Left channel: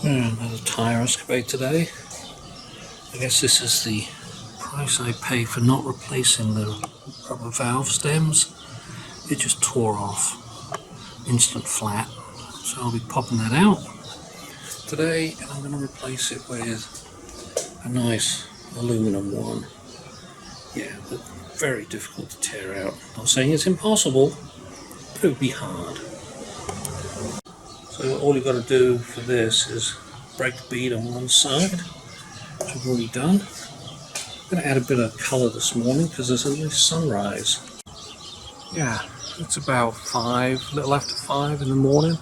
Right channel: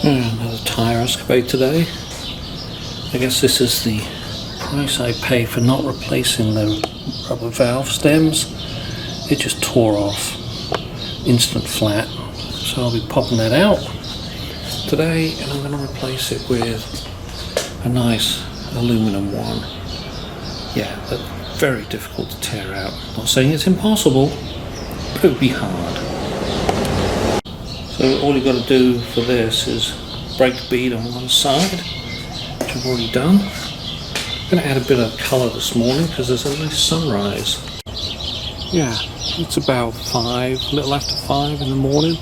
Another tyre escape today. I guess this is the price I pay for not replacing them rubber valve stems. It just tore off, instant flat, so I'll be popping that out today, and I'm going to replace it with a nice aluminum one. Yeah, but very difficult to tear out. I'm not saying it's impossible, but it would be hard. So all you're going to do for this is break the bead on one side, which I've already done. I'm going to add a bit of colour this morning because there's all these sunrise. Yeah, it's about 5, a little after 5 in the morning.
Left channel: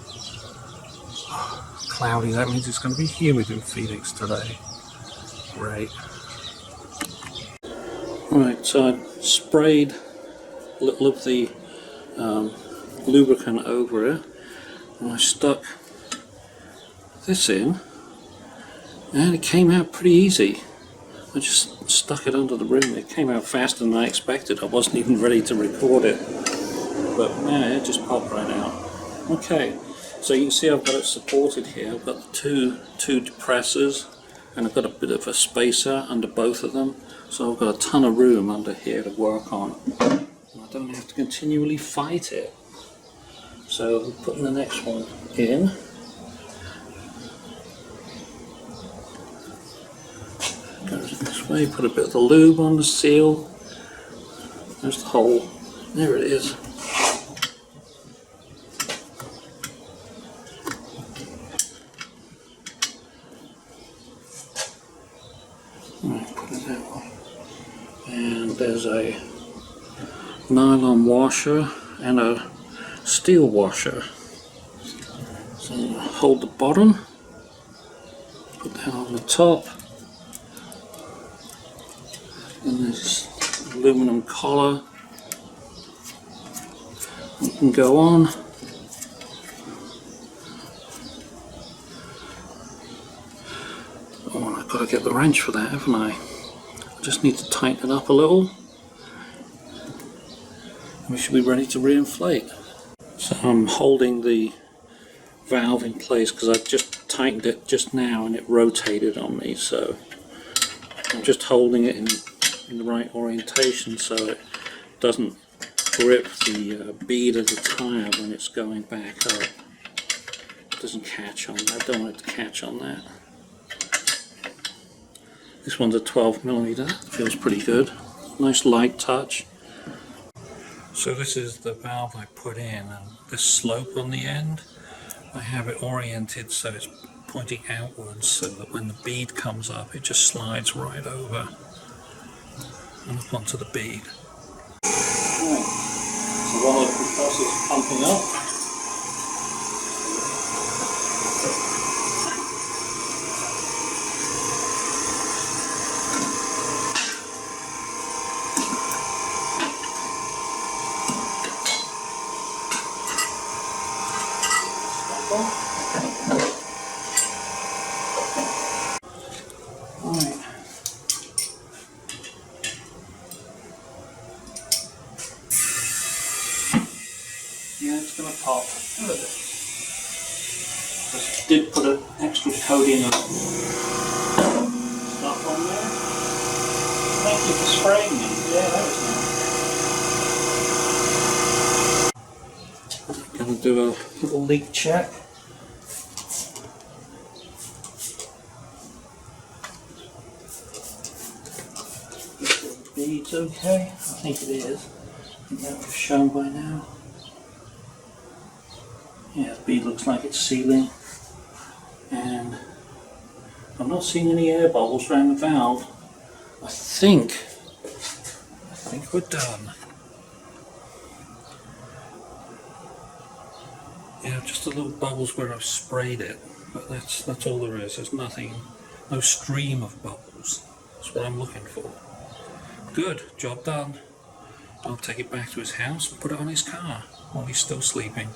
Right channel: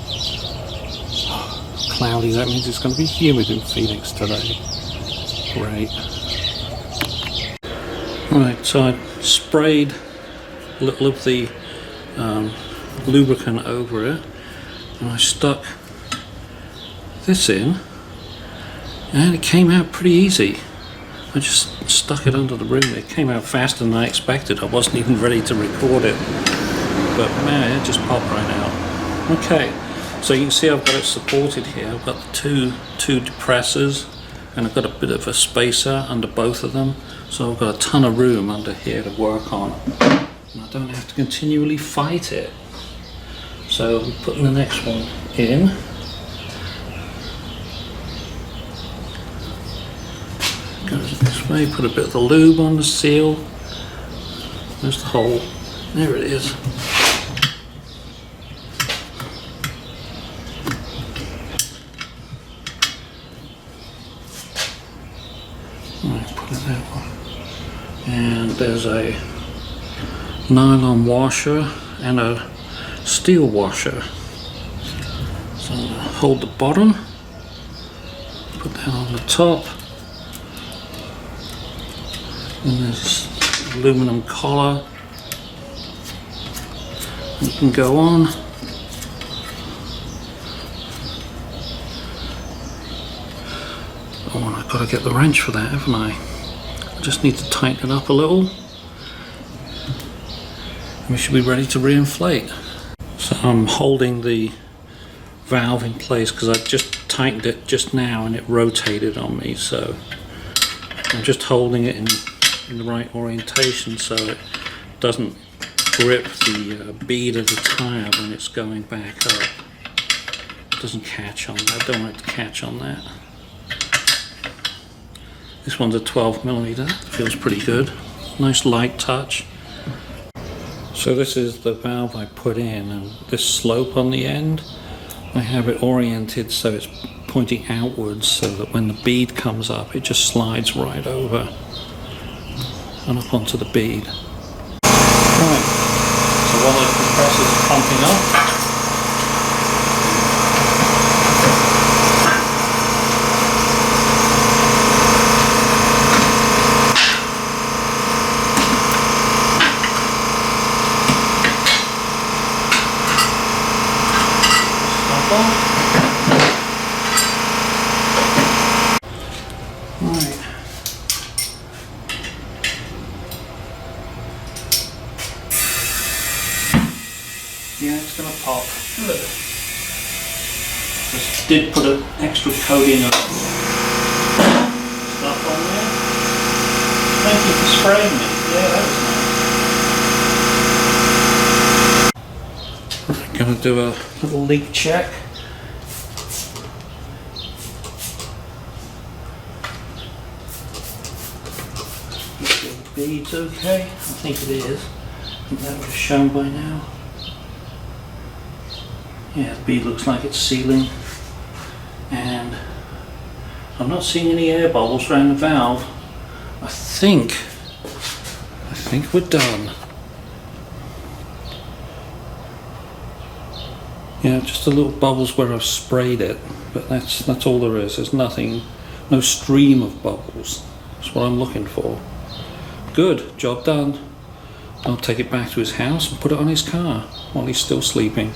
Cloudy, that means it's going to be humid in Phoenix today. Great. Right, so I sprayed a little of the lubricant over it, and I stuck this in, and it came out pretty easy. I just stuck it under the rim. It came out faster than I expected. I wasn't even ready to record it, but man, it just popped right out. Okay, so you can see I've got it supported here. I've got the two depressors, and I've got a bit of a spacer under both of them, so I've got a ton of room under here to work on, and I don't have to continually fight it. So I'm putting the next one in. Goes this way, put a bit of the lube on the seal. There's the hole. There it is. Right, put it that way. And there's a nylon washer and a steel washer. So I'm going to hold the bottom, put that on the top. And there's aluminum collar. You can go on. Oh, and I've got to get the wrench for that, haven't I? I just need to tighten it up a little. And we should be ready to reinflate. So I'm holding the valve in place because I just tightened it just now and it rotated on me. So I'm just holding it in the right orientation so it doesn't grip the bead of the tyre when it's going back up. It doesn't catch on that. I don't want it to catch on that. This one's a 12mm. That feels pretty good. Nice light touch. So this is the valve I put in, and this slope on the end, I have it oriented so it's pointing outwards so that when the bead comes up it just slides right over and up onto the bead. Right, so while the compressor's pumping up, right. Yeah, it's going to pop. Good. Just did put an extra coating of stuff on there. Thank you for spraying me. Yeah, that was nice. I'm going to do a little leak check. The bead's okay. I think it is. I think that would have shown by now. Yeah, the bead looks like it's sealing, and I'm not seeing any air bubbles around the valve. I think we're done. Yeah, just a little bubbles where I've sprayed it, but that's all there is. There's nothing, no stream of bubbles. That's what I'm looking for. Good, job done. I'll take it back to his house and put it on his car while he's still sleeping.